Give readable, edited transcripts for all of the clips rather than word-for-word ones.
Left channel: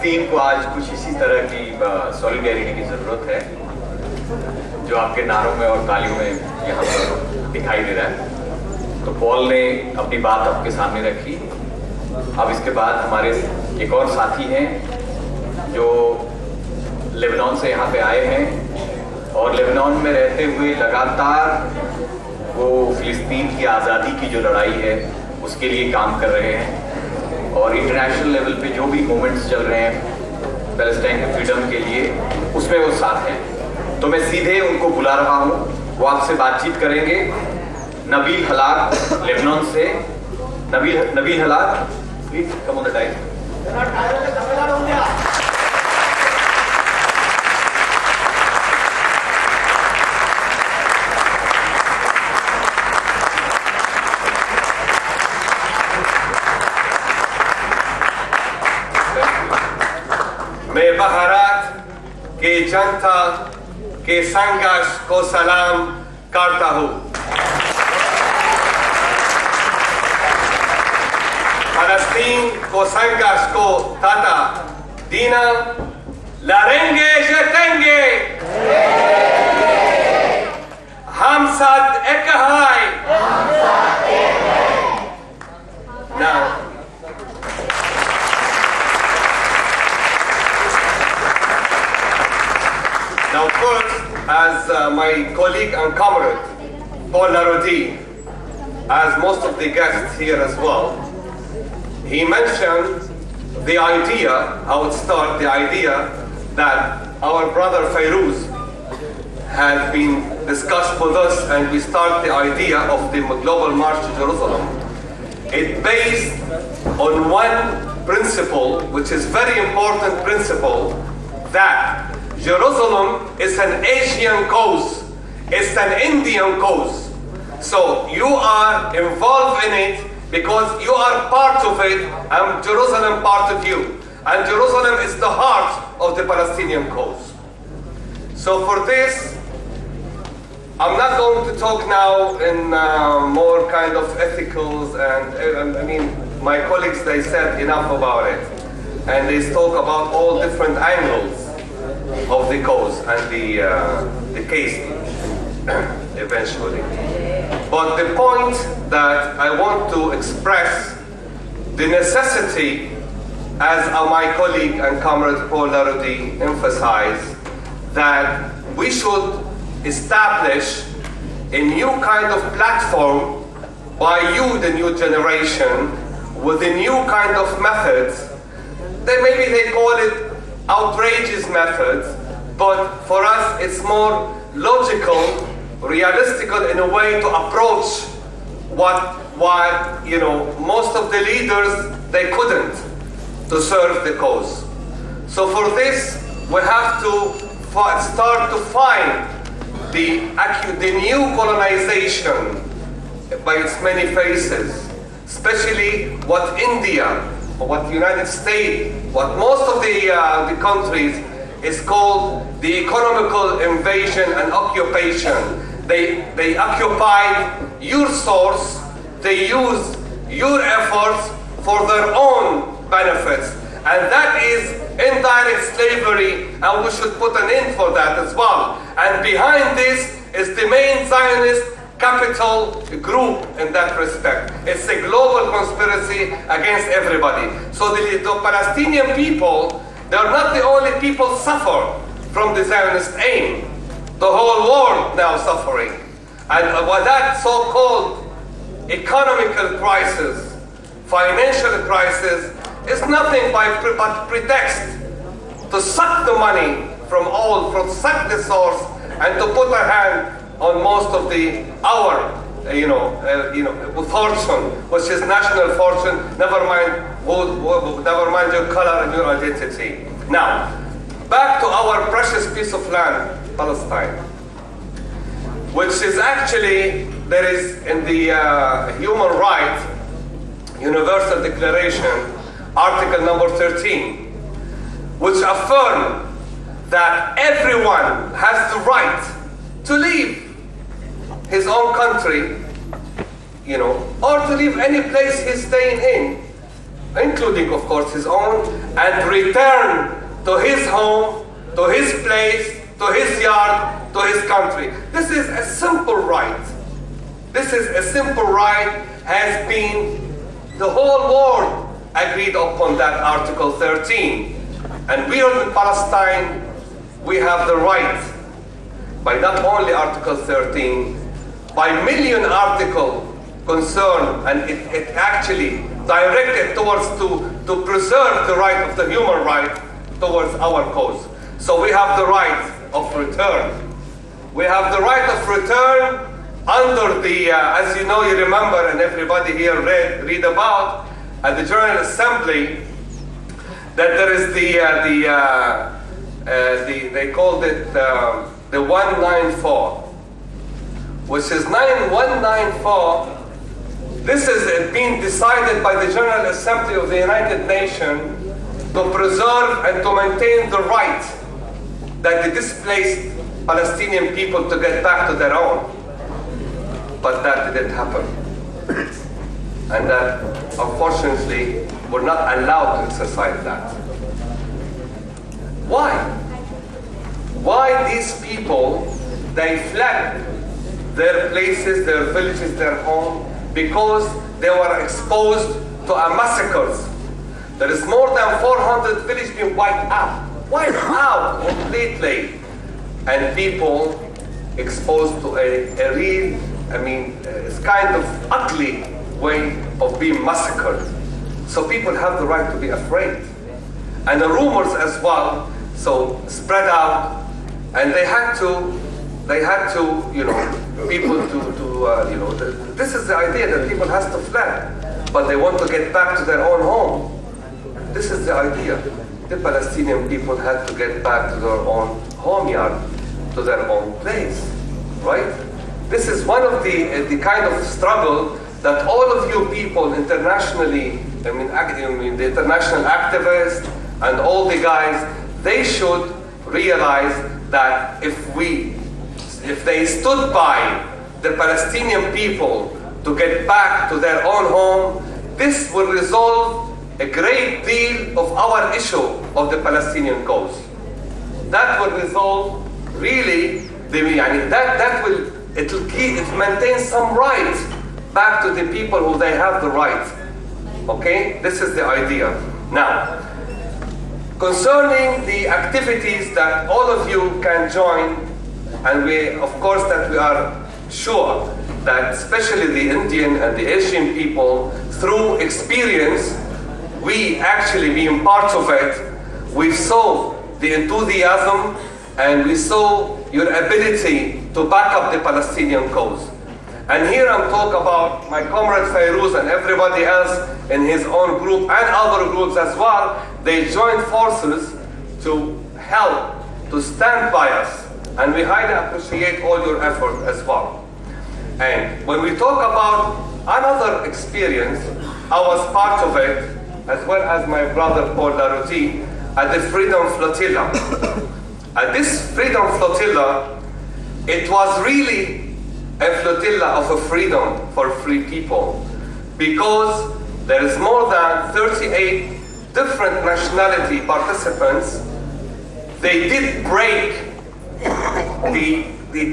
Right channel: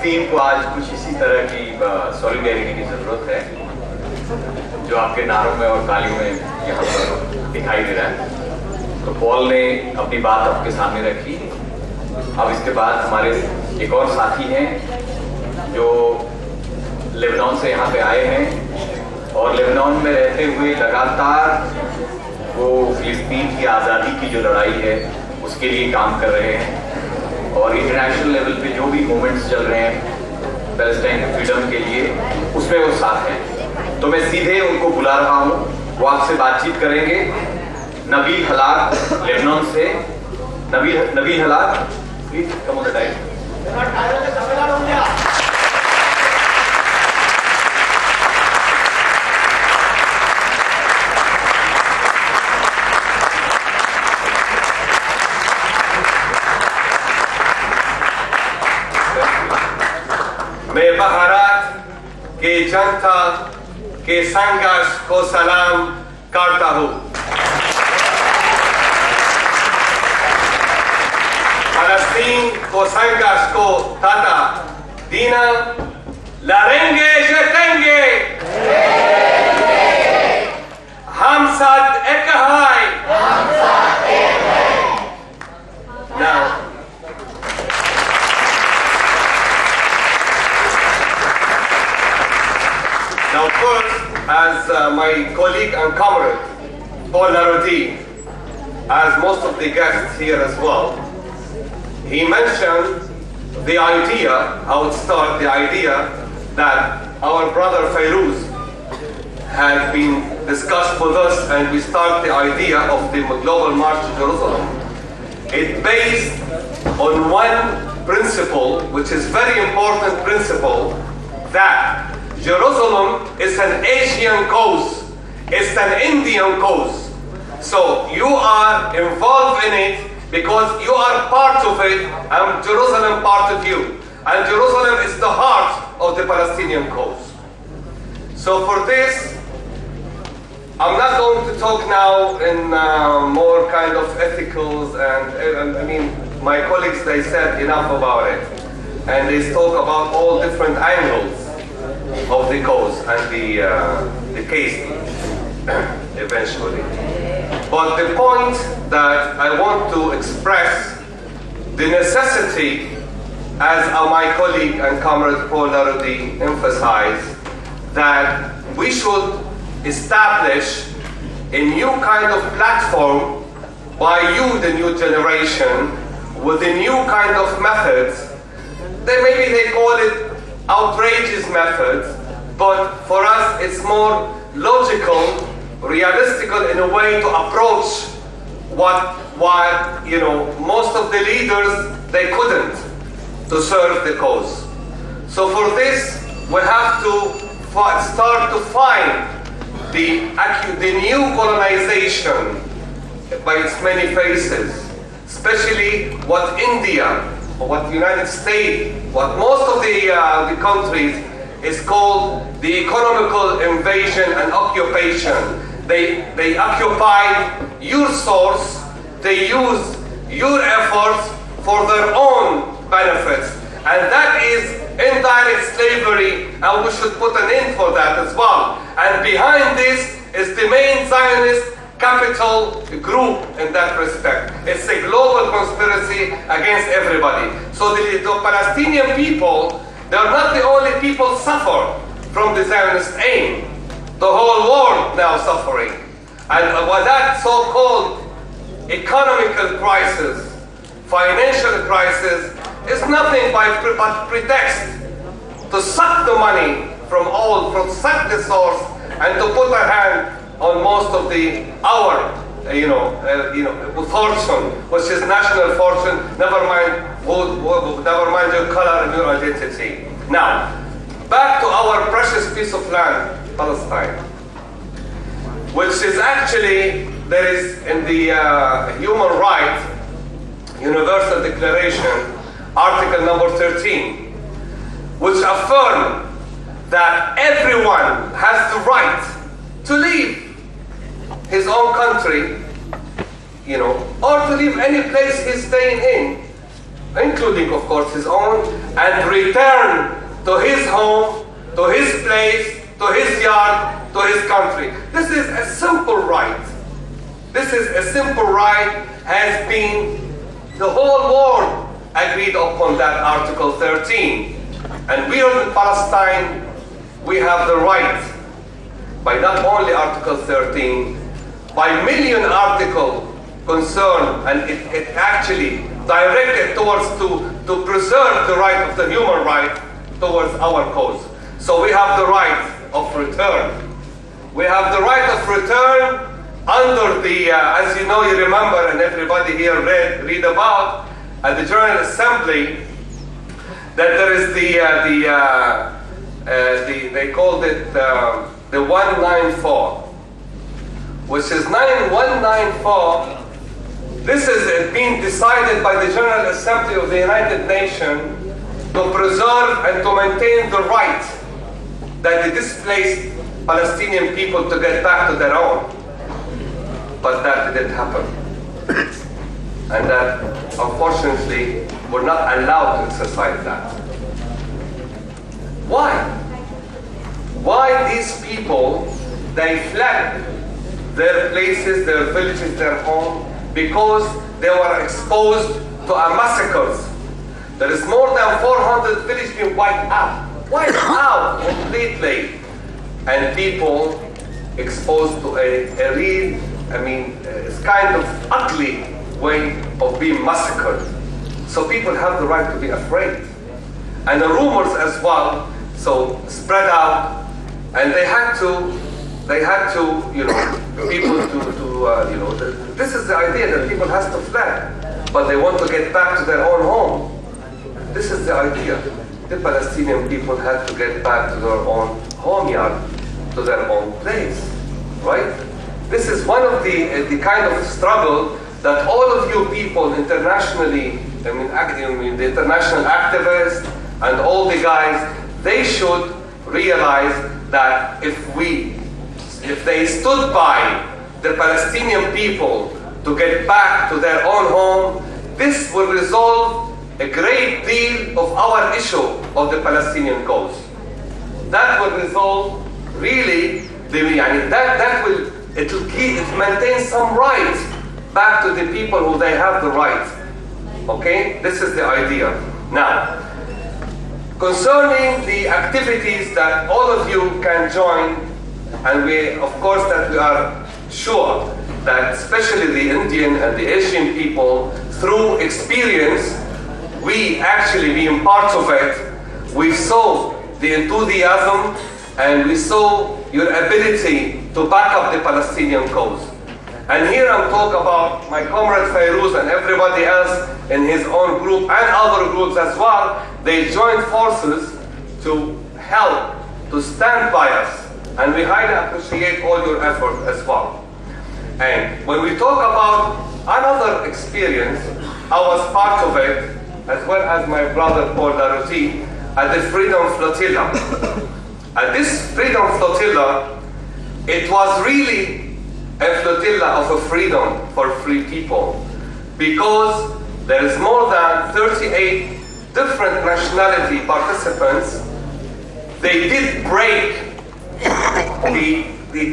फिलिस्तीन को आज कुछ इसी तरह की सॉलिडेरिटी की जरूरत है जो आपके नारों में और तालियों में यहाँ पर दिखाई दे रहा है। तो पॉल ने अपनी बात आपके सामने रखी। अब इसके बाद हमारे एक और साथी हैं जो लेबनान से यहाँ पे आए हैं और लेबनान में रहते हुए लगातार वो फिलिस्तीन की आज़ादी की जो लड़ाई है उसके लिए काम कर रहे हैं और इंटरनेशनल लेवल पे जो भी मूवमेंट्स चल रहे हैं पैलेस्टाइन के फ्रीडम के लिए उसमें वो साथ हैं। तो मैं सीधे उनको बुला रहा हूँ, वो आपसे बातचीत करेंगे। नबील हलाक लेबनान से। नबील हलाक, please come on the dice. मैं बहारात के जनता के संघर्ष को सलाम करता हूँ। फलस्तीन को संघर्ष को ताता दीना लड़ेंगे जीतेंगे। हम साथ एक हैं। Now first, as my colleague and comrade, Paul Narodi, as most of the guests here as well, he mentioned the idea, I would start the idea that our brother Fairuz had been discussed with us, and we start the idea of the Global March to Jerusalem. It's based on one principle, which is very important principle, that Jerusalem is an Asian cause, it's an Indian cause. So you are involved in it because you are part of it, and Jerusalem part of you. And Jerusalem is the heart of the Palestinian cause. So for this, I'm not going to talk now in more kind of ethicals, and I mean, my colleagues, they said enough about it. And they talk about all different angles of the cause and the case eventually. But the point that I want to express, the necessity, as my colleague and comrade Paul Narodi emphasized, that we should establish a new kind of platform by you, the new generation, with a new kind of methods. Maybe they call it outrageous methods, but for us it's more logical, realistical in a way to approach what you know, most of the leaders, they couldn't to serve the cause. So for this we have to start to find the new colonization by its many faces, especially what India, what the United States, what most of the countries is called the economical invasion and occupation. They occupy your source, they use your efforts for their own benefits, and that is indirect slavery, and we should put an end for that as well. And behind this is the main Zionist capital group in that respect. It's a global conspiracy against everybody. So the Palestinian people, they're not the only people suffer from the Zionist aim. The whole world now suffering. And what that so-called economical crisis, financial crisis, is nothing but pretext to suck the money from all, to suck the source, and to put a hand on most of our fortune, which is national fortune. Never mind your color and your identity. Now, back to our precious piece of land, Palestine, which is actually, there is in the Human Rights Universal Declaration, Article number 13, which affirms that everyone has the right to leave his own country, or to leave any place he's staying in, including of course his own, and return to his home, to his place, to his yard, to his country. This is a simple right. This is a simple right, has been the whole world agreed upon that Article 13. And we are in Palestine, we have the right, by not only Article 13, by million article concern, and it actually directed towards to preserve the right of the human right towards our cause. So we have the right of return. We have the right of return under the, as you know, you remember, and everybody here read about, at the General Assembly, that there is they called it the 194, which is 194. This is being decided by the General Assembly of the United Nations to preserve and to maintain the right that the displaced Palestinian people to get back to their own. But that didn't happen. And that, unfortunately, we're not allowed to exercise that. Why? Why these people, they fled their places, their villages, their home, because they were exposed to a massacres. There is more than 400 villages being wiped out completely, and people exposed to a real, it's kind of ugly way of being massacred. So people have the right to be afraid. And the rumors as well, so spread out, and they had to, people this is the idea that people has to flee, but they want to get back to their own home. This is the idea. The Palestinian people had to get back to their own home yard, to their own place, right? This is one of the kind of struggle that all of you people internationally, the international activists and all the guys, they should realize that if they stood by the Palestinian people to get back to their own home, this will resolve a great deal of our issue of the Palestinian cause. That will resolve really it will maintain some right back to the people who they have the right. Okay, this is the idea. Now, concerning the activities that all of you can join, and we are sure that especially the Indian and the Asian people, through experience, we actually being part of it, we saw the enthusiasm and we saw your ability to back up the Palestinian cause. And here I'm talking about my comrade Fairuz and everybody else in his own group and other groups as well. They joined forces to help, to stand by us. And we highly appreciate all your effort as well. And when we talk about another experience, I was part of it, as well as my brother Paul Larouti, at the Freedom Flotilla. And this Freedom Flotilla, it was really a flotilla of a freedom for free people, because there is more than 38 different nationality participants. They did break this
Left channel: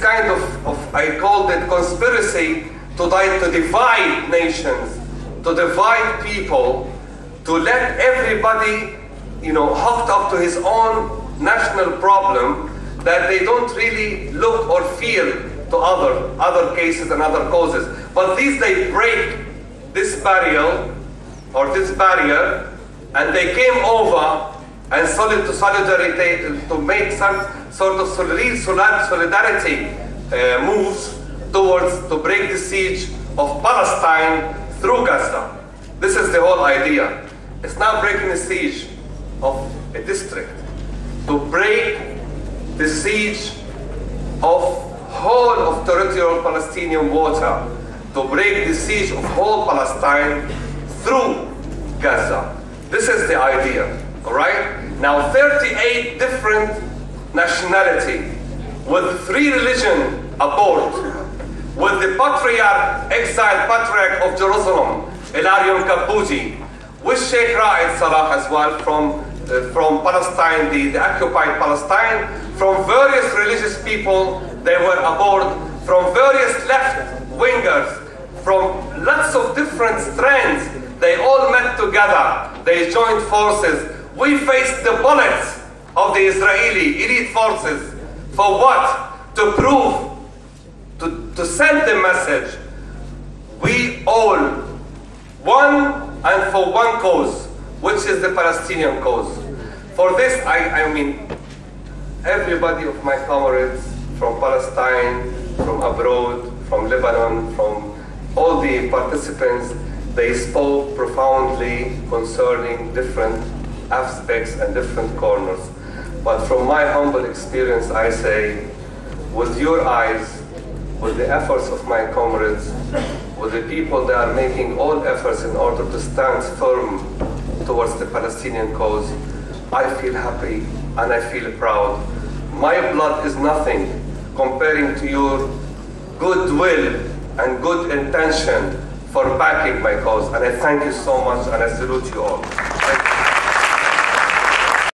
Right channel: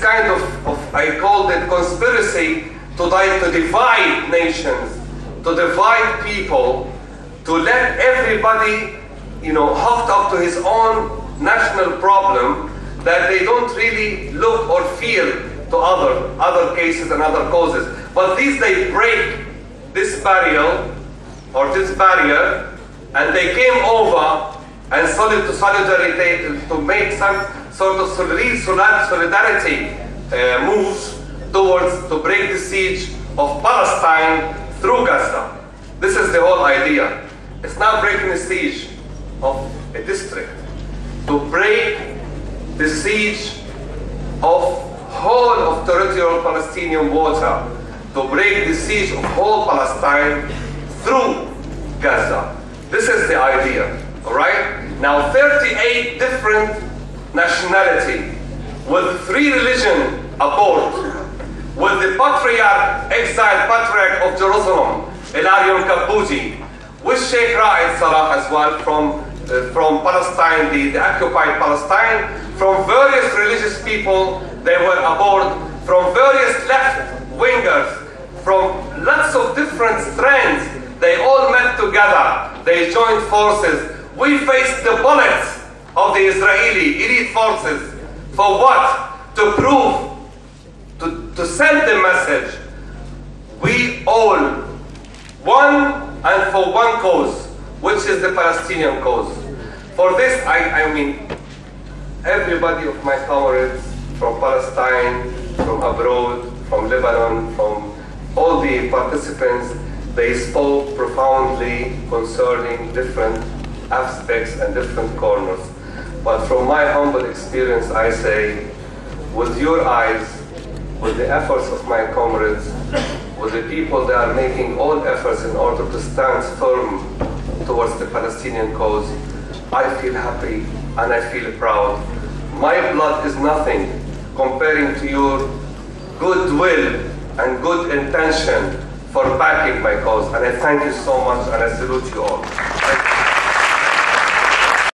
kind of I called it conspiracy to divide nations, to divide people, to let everybody, hooked up to his own national problem, that they don't really look or feel to other cases and other causes. But they break this barrier, and they came over and to make some sort of solidarity moves towards to break the siege of Palestine through Gaza. This is the whole idea. It's not breaking the siege of a district, to break the siege of whole of territorial Palestinian water, to break the siege of whole Palestine through Gaza. This is the idea, all right? Now, 38 different nationality, with 3 religions aboard, with the exiled patriarch of Jerusalem, Ilarion Kabuji, with Sheikh Salah as well from Palestine, the occupied Palestine, from various religious people. They were aboard, from various left-wingers, from lots of different strands. They all met together. They joined forces. We faced the bullets of the Israeli elite forces. For what? To prove, to send the message, we all one and for one cause, which is the Palestinian cause. For this, I mean, everybody of my comrades from Palestine, from abroad, from Lebanon, from all the participants, they spoke profoundly concerning different aspects and different corners. But from my humble experience, I say, with your eyes, with the efforts of my comrades, with the people that are making all efforts in order to stand firm towards the Palestinian cause, I feel happy and I feel proud. My blood is nothing comparing to your goodwill and good intention for backing my cause. And I thank you so much and I salute you all. Thank you.